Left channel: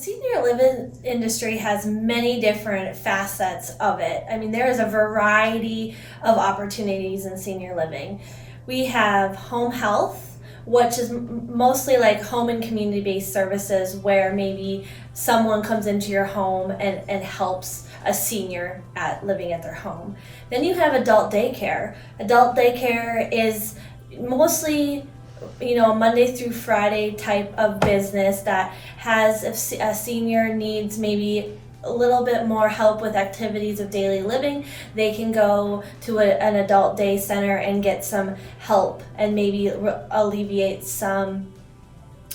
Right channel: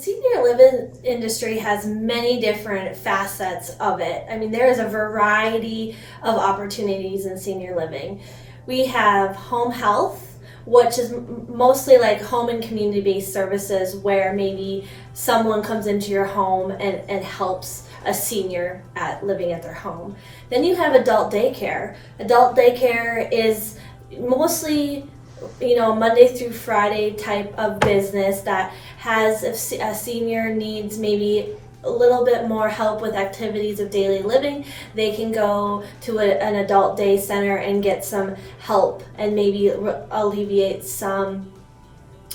senior living industry has many different facets of it. I mean, there is a variety of opportunities in senior living. We have home health, which is mostly like home and community-based services where maybe someone comes into your home and helps a senior living at their home. Then you have adult daycare. Adult daycare is mostly a Monday through Friday type of business that has, if a senior needs maybe a little bit more help with activities of daily living, they can go to an adult day center and get some help and maybe alleviate some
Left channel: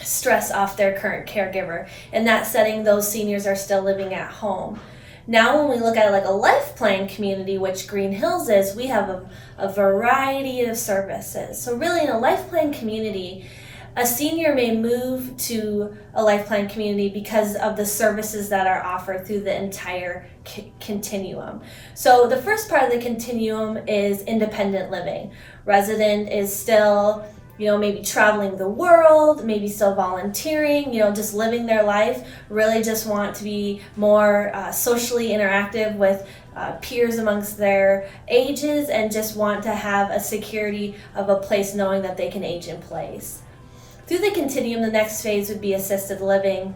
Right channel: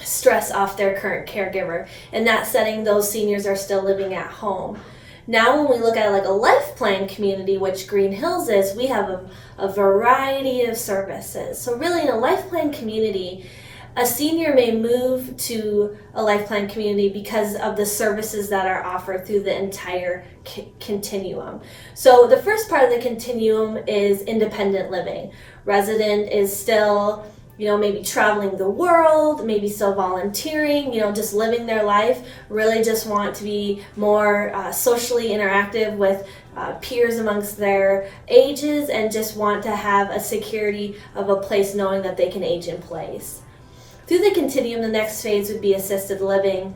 stress off their current caregiver. In that setting, those seniors are still living at home. Now when we look at like a life plan community, which Green Hills is, we have a variety of services. So really in a life plan community, a senior may move to a life plan community because of the services that are offered through the entire continuum. So the first part of the continuum is independent living. Resident is still maybe traveling the world, maybe still volunteering, just living their life, really just want to be more socially interactive with peers amongst their ages and just want to have a security of a place knowing that they can age in place. Through the continuum, the next phase would be assisted living,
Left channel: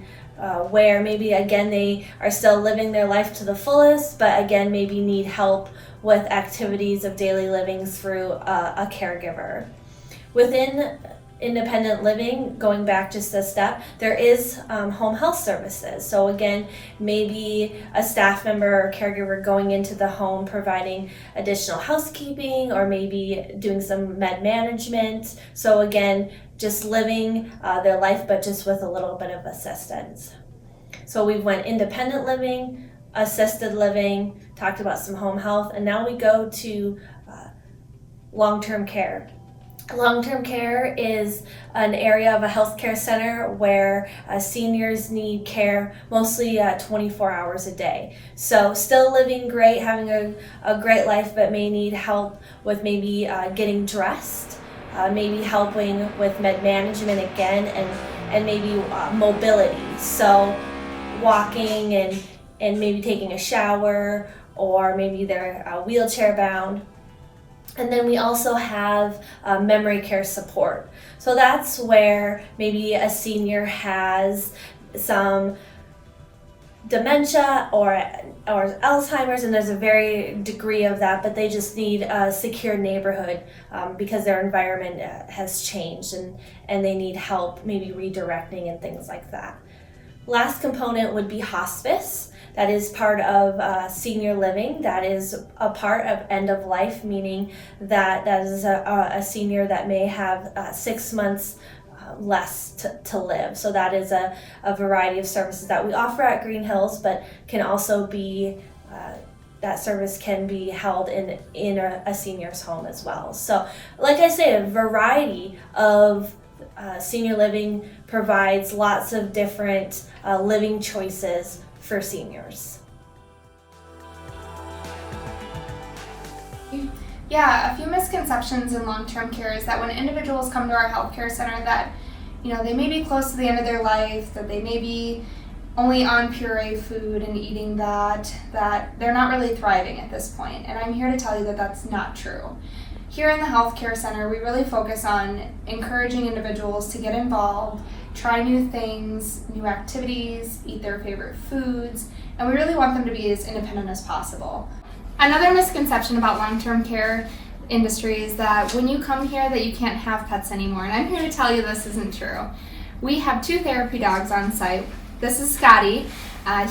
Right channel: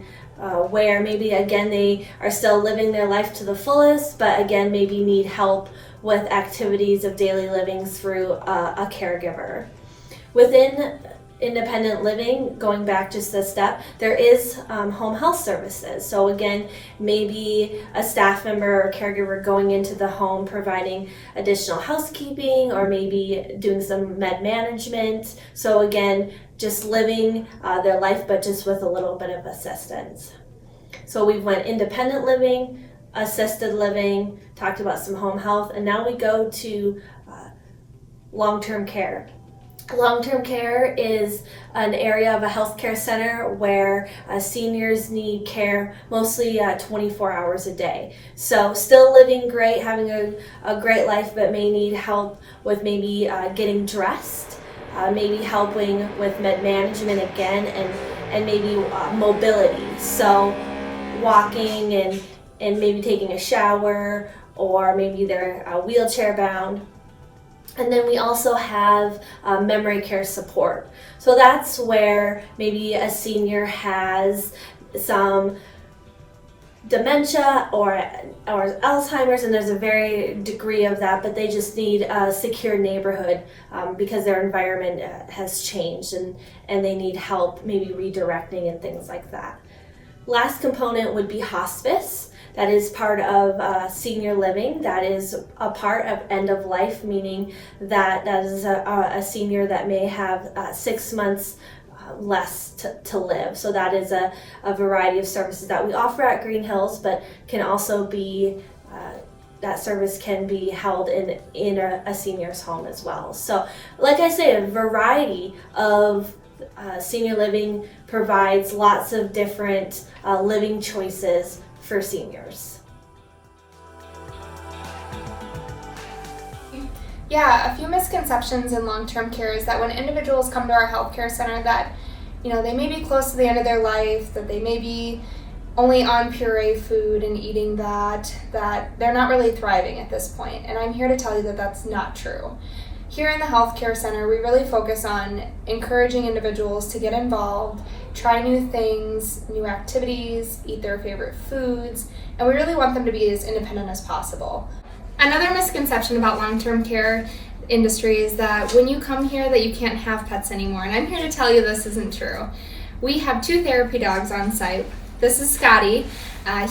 where maybe again they are still living their life to the fullest, but again maybe need help with activities of daily living through a caregiver. Within independent living, going back just a step, there is home health services. So again, maybe a staff member or caregiver going into the home providing additional housekeeping or maybe doing some med management. So again, just living their life, but just with a little bit of assistance. So we went independent living, assisted living, talked about some home health, and now we go to long-term care. Long-term care is an area of a healthcare center where seniors need care mostly 24 hours a day. So still living great, having a great life, but may need help with maybe getting dressed, maybe helping with med management again, and maybe mobility. So walking and maybe taking a shower, or maybe they're wheelchair bound. And then we also have memory care support. So that's where maybe a senior has some dementia or Alzheimer's, and there's a very degree of that, but they just need a secure neighborhood because their environment has changed and they need help maybe redirecting and things like that. Last component would be hospice. That is part of senior living. That is a part of end of life, meaning that is a senior that may have 6 months less to live. So that is a variety of services that we offer at Green Hills, but can also be, that service can be held in a senior's home as well. So like I say, a variety of senior living provides lots of different living choices for seniors. Yeah, a few misconceptions in long-term care is that when individuals come to our healthcare center that, they may be close to the end of their life, that they may be only on puree food and eating that they're not really thriving at this point. And I'm here to tell you that that's not true. Here in the healthcare center, we really focus on encouraging individuals to get involved, try new things, new activities, eat their favorite foods, and we really want them to be as independent as possible. Another misconception about long-term care industry is that when you come here that you can't have pets anymore, and I'm here to tell you this isn't true. We have 2 therapy dogs on site. This is Scotty.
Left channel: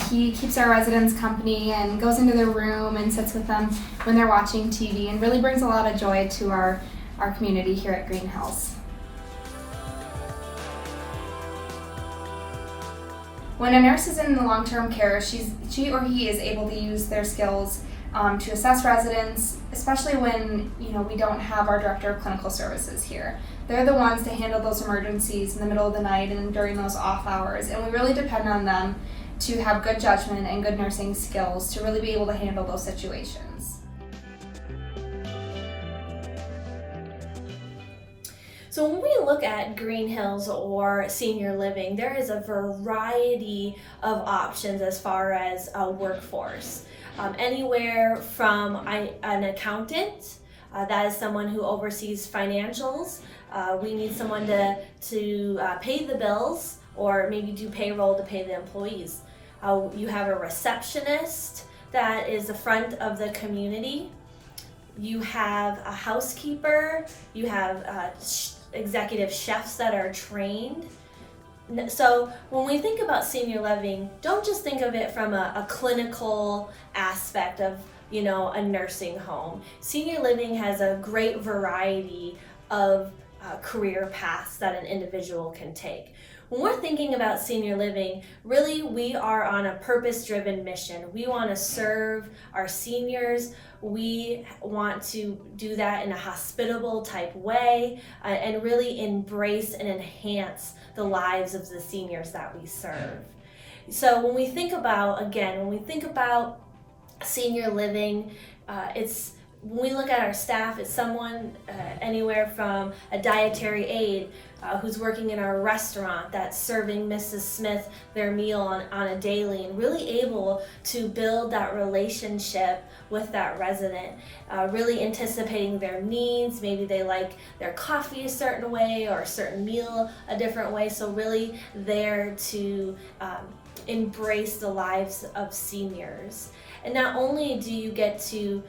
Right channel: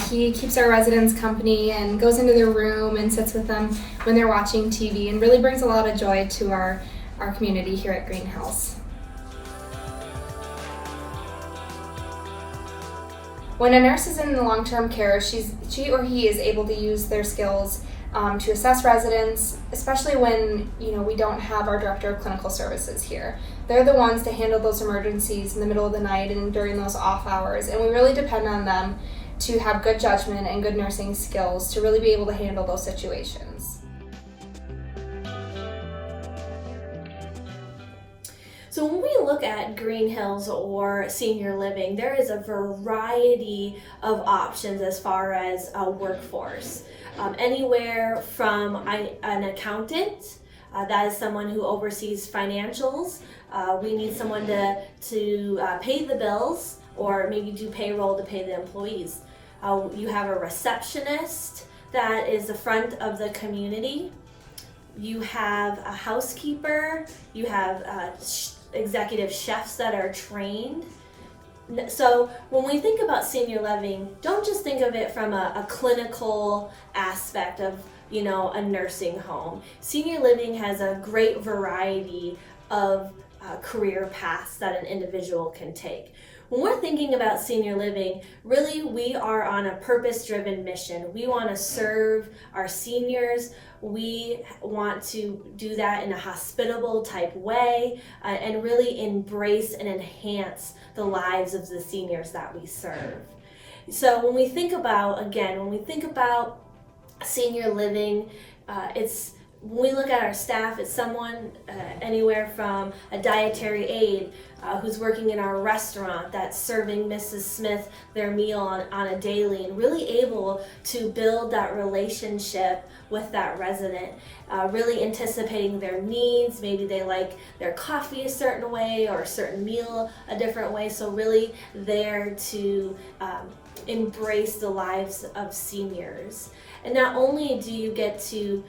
He keeps our residents company and goes into their room and sits with them when they're watching TV and really brings a lot of joy to our community here at Green Hills. When a nurse is in the long-term care, she or he is able to use their skills to assess residents, especially when we don't have our director of clinical services here. They're the ones to handle those emergencies in the middle of the night and during those off hours, and we really depend on them to have good judgment and good nursing skills to really be able to handle those situations. So when we look at Green Hills or senior living, there is a variety of options as far as a workforce. Anywhere from an accountant, that is someone who oversees financials. We need someone to pay the bills or maybe do payroll to pay the employees. You have a receptionist that is the front of the community. You have a housekeeper. You have executive chefs that are trained. So when we think about senior living, don't just think of it from a clinical aspect of, a nursing home. Senior living has a great variety of career paths that an individual can take. When we're thinking about senior living, really we are on a purpose-driven mission. We want to serve our seniors. We want to do that in a hospitable type way and really embrace and enhance the lives of the seniors that we serve. So when we think about senior living, when we look at our staff, it's someone anywhere from a dietary aide who's working in our restaurant that's serving Mrs. Smith their meal on a daily and really able to build that relationship with that resident, really anticipating their needs. Maybe they like their coffee a certain way or a certain meal a different way. So really there to embrace the lives of seniors. And not only do you get to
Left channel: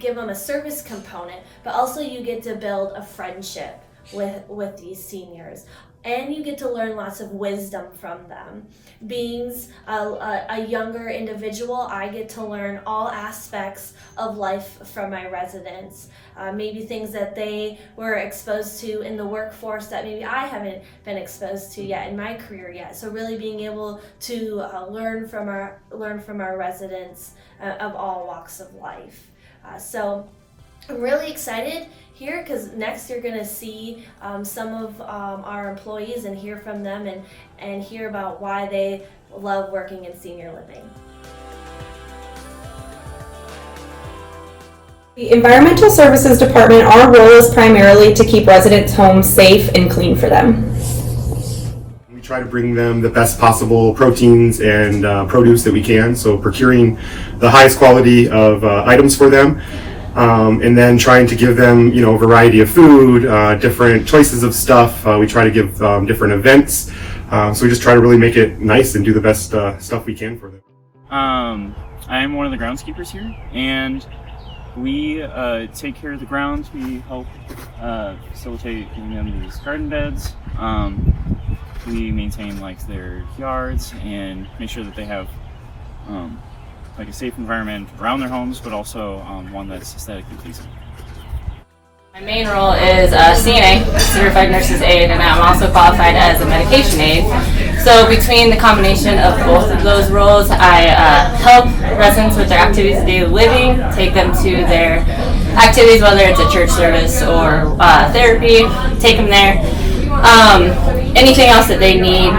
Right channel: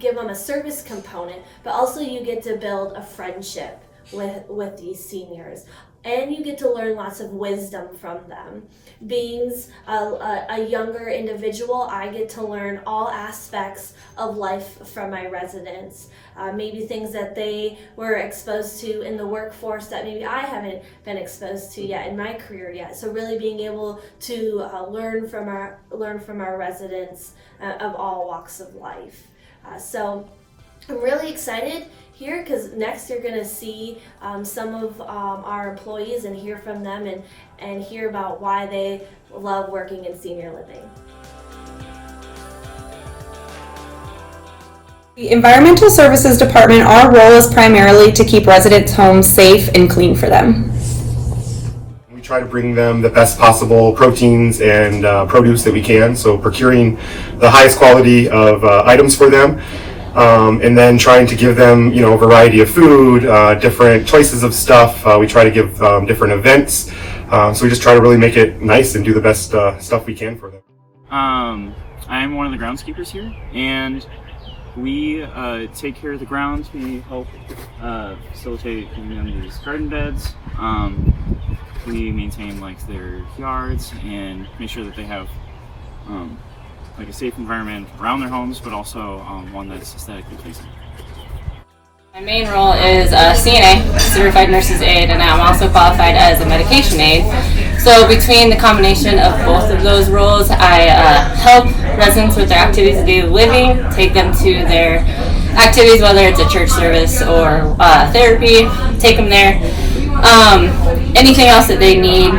give them a service component, but also you get to build a friendship with these seniors. And you get to learn lots of wisdom from them. Being a younger individual, I get to learn all aspects of life from my residents. Maybe things that they were exposed to in the workforce that maybe I haven't been exposed to yet in my career yet. So really being able to learn from our residents of all walks of life. So I'm really excited here because next you're going to see some of our employees and hear from them and hear about why they love working in senior living. The Environmental Services Department, our role is primarily to keep residents' homes safe and clean for them. We try to bring them the best possible proteins and produce that we can, so procuring the highest quality of items for them. And then trying to give them, a variety of food, different choices of stuff. We try to give different events. So we just try to really make it nice and do the best stuff we can for them. I'm one of the groundskeepers here, and we take care of the grounds. We help facilitate giving them these garden beds. We maintain their yards and make sure that they have a safe environment around their homes, but also one that's aesthetically pleasing. My main role is a CNA, Certified Nurse's Aide, and I'm also qualified as a medication aide. So between the combination of both of those roles, I help residents with their activities of daily living, take them to their activities, whether it's a church service or therapy, take them there. Anything else that they need,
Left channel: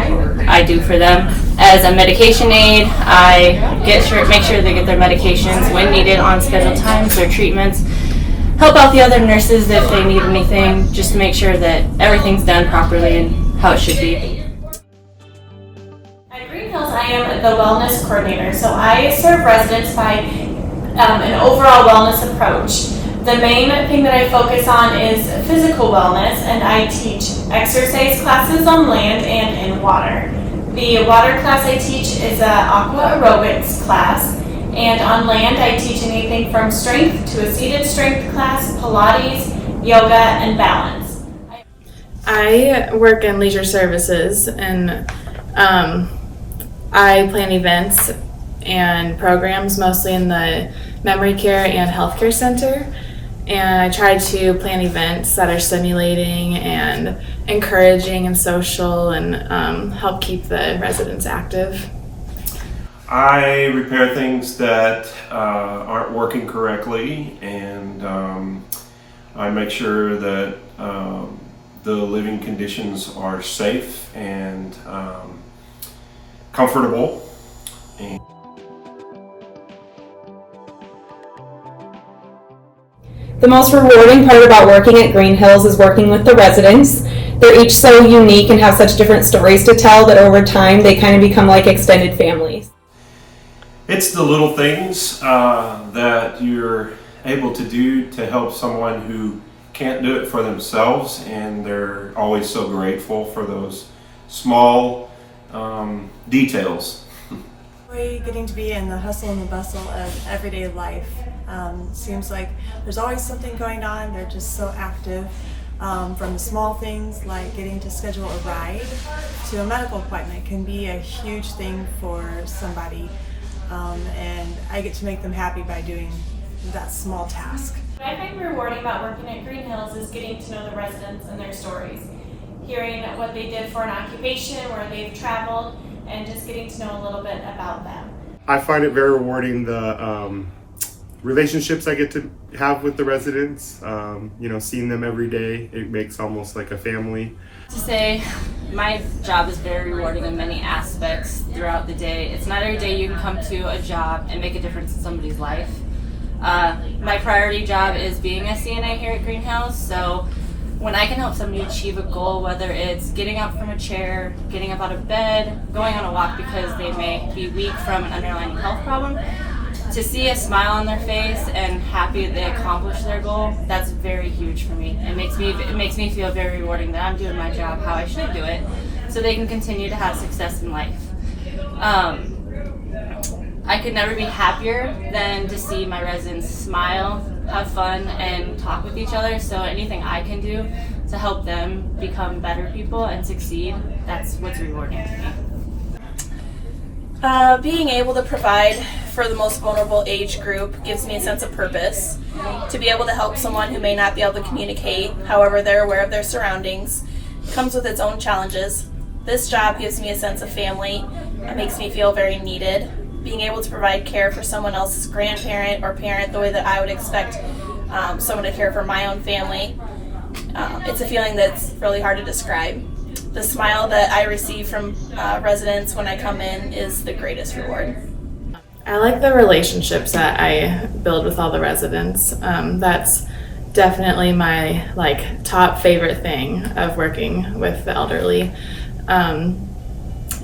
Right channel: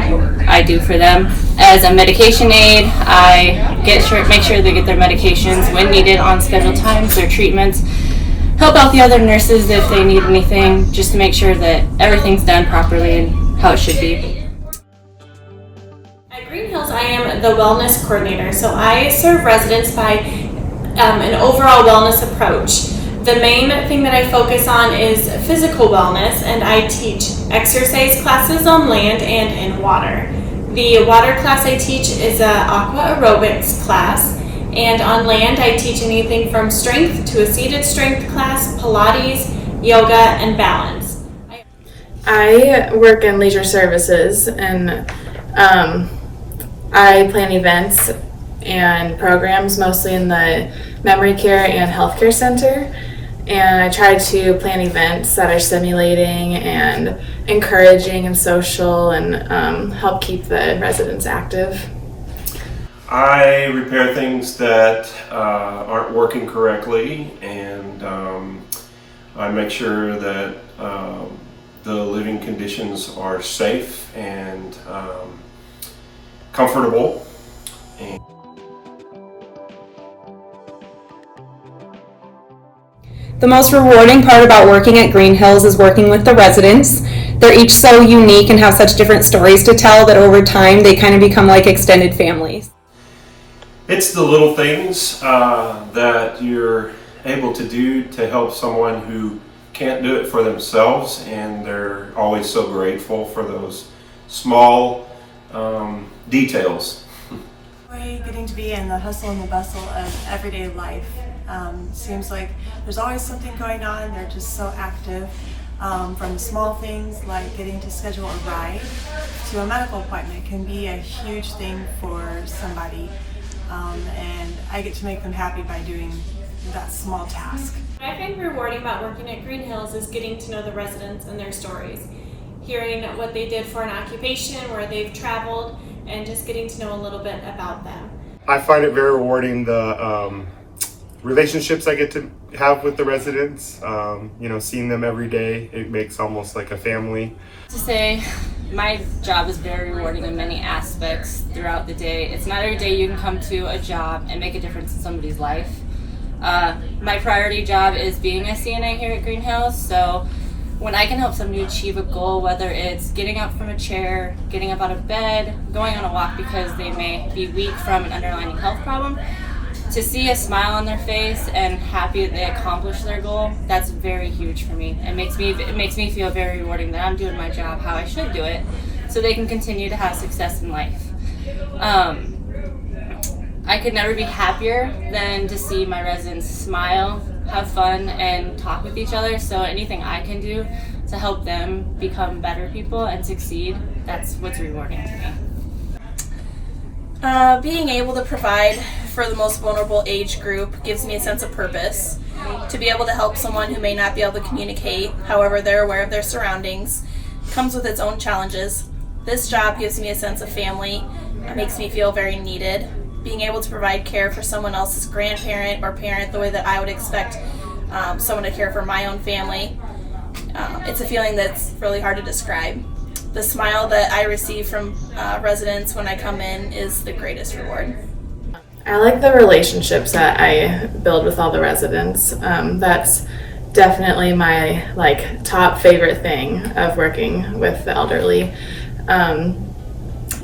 I do for them. As a medication aide, I make sure they get their medications when needed on scheduled times, their treatments, help out the other nurses if they need anything, just to make sure that everything's done properly and how it should be. At Green Hills, I am the wellness coordinator, so I serve residents by an overall wellness approach. The main thing that I focus on is physical wellness, and I teach exercise classes on land and in water. The water class I teach is an aqua aerobics class, and on land I teach anything from strength to a seated strength class, Pilates, yoga, and balance. I work in leisure services, and I plan events and programs mostly in the memory care and healthcare center. And I try to plan events that are stimulating and encouraging and social and help keep the residents active. I repair things that aren't working correctly, and I make sure that the living conditions are safe and comfortable. The most rewarding part about working at Green Hills is working with the residents. They're each so unique and have such different stories to tell that over time they kind of become like extended families. It's the little things that you're able to do to help someone who can't do it for themselves, and they're always so grateful for those small details. Getting to be in the hustle and the bustle of everyday life. Seems like there's always something going on. They're just so active. From the small things like getting to schedule a ride to a medical appointment can be a huge thing for somebody. And I get to make them happy by doing that small task. What I find rewarding about working at Green Hills is getting to know the residents and their stories. Hearing what they did for an occupation, where they've traveled, and just getting to know a little bit about them. I find it very rewarding the relationships I get to have with the residents. Seeing them every day, it makes almost like a family. To say my job is very rewarding in many aspects throughout the day. It's not every day you can come to a job and make a difference in somebody's life. My priority job is being a CNA here at Green Hills, so when I can help somebody achieve a goal, whether it's getting up from a chair, getting up out of bed, going on a walk because they may be weak from an underlying health problem, to see a smile on their face and happy that they accomplished their goal, that's very huge for me. It makes me feel very rewarding that I'm doing my job how I should do it, so they can continue to have success in life. I could never be happier than to see my residents smile, have fun, and talk with each other. So anything I can do to help them become better people and succeed, that's what's rewarding to me. Being able to provide for the most vulnerable age group gives me a sense of purpose. To be able to help someone who may not be able to communicate, however they're aware of their surroundings, comes with its own challenges. This job gives me a sense of family. It makes me feel very needed. Being able to provide care for someone else's grandparent or parent the way that I would expect someone to care for my own family. It's a feeling that's really hard to describe. The smile that I receive from residents when I come in is the greatest reward. I like the relationships that I build with all the residents. That's definitely my top favorite thing of working with the elderly.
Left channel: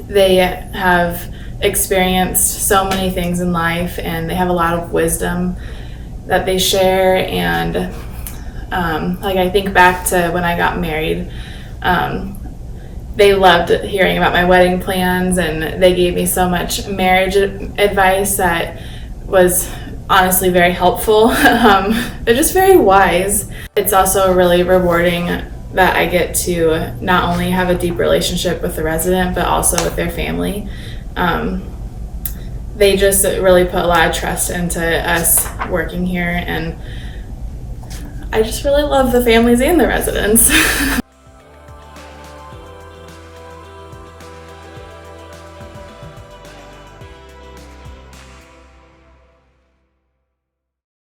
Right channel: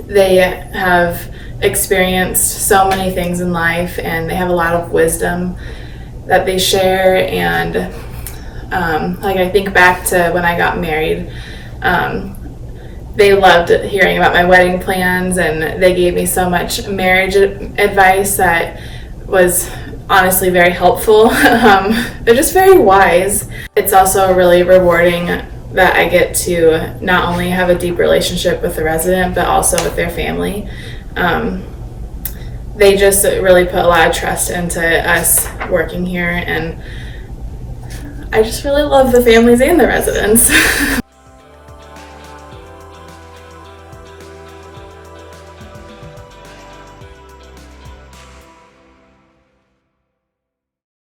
They have experienced so many things in life, and they have a lot of wisdom that they share. And I think back to when I got married, they loved hearing about my wedding plans, and they gave me so much marriage advice that was honestly very helpful. They're just very wise. It's also really rewarding that I get to not only have a deep relationship with the resident, but also with their family. They just really put a lot of trust into us working here, and I just really love the families and the residents.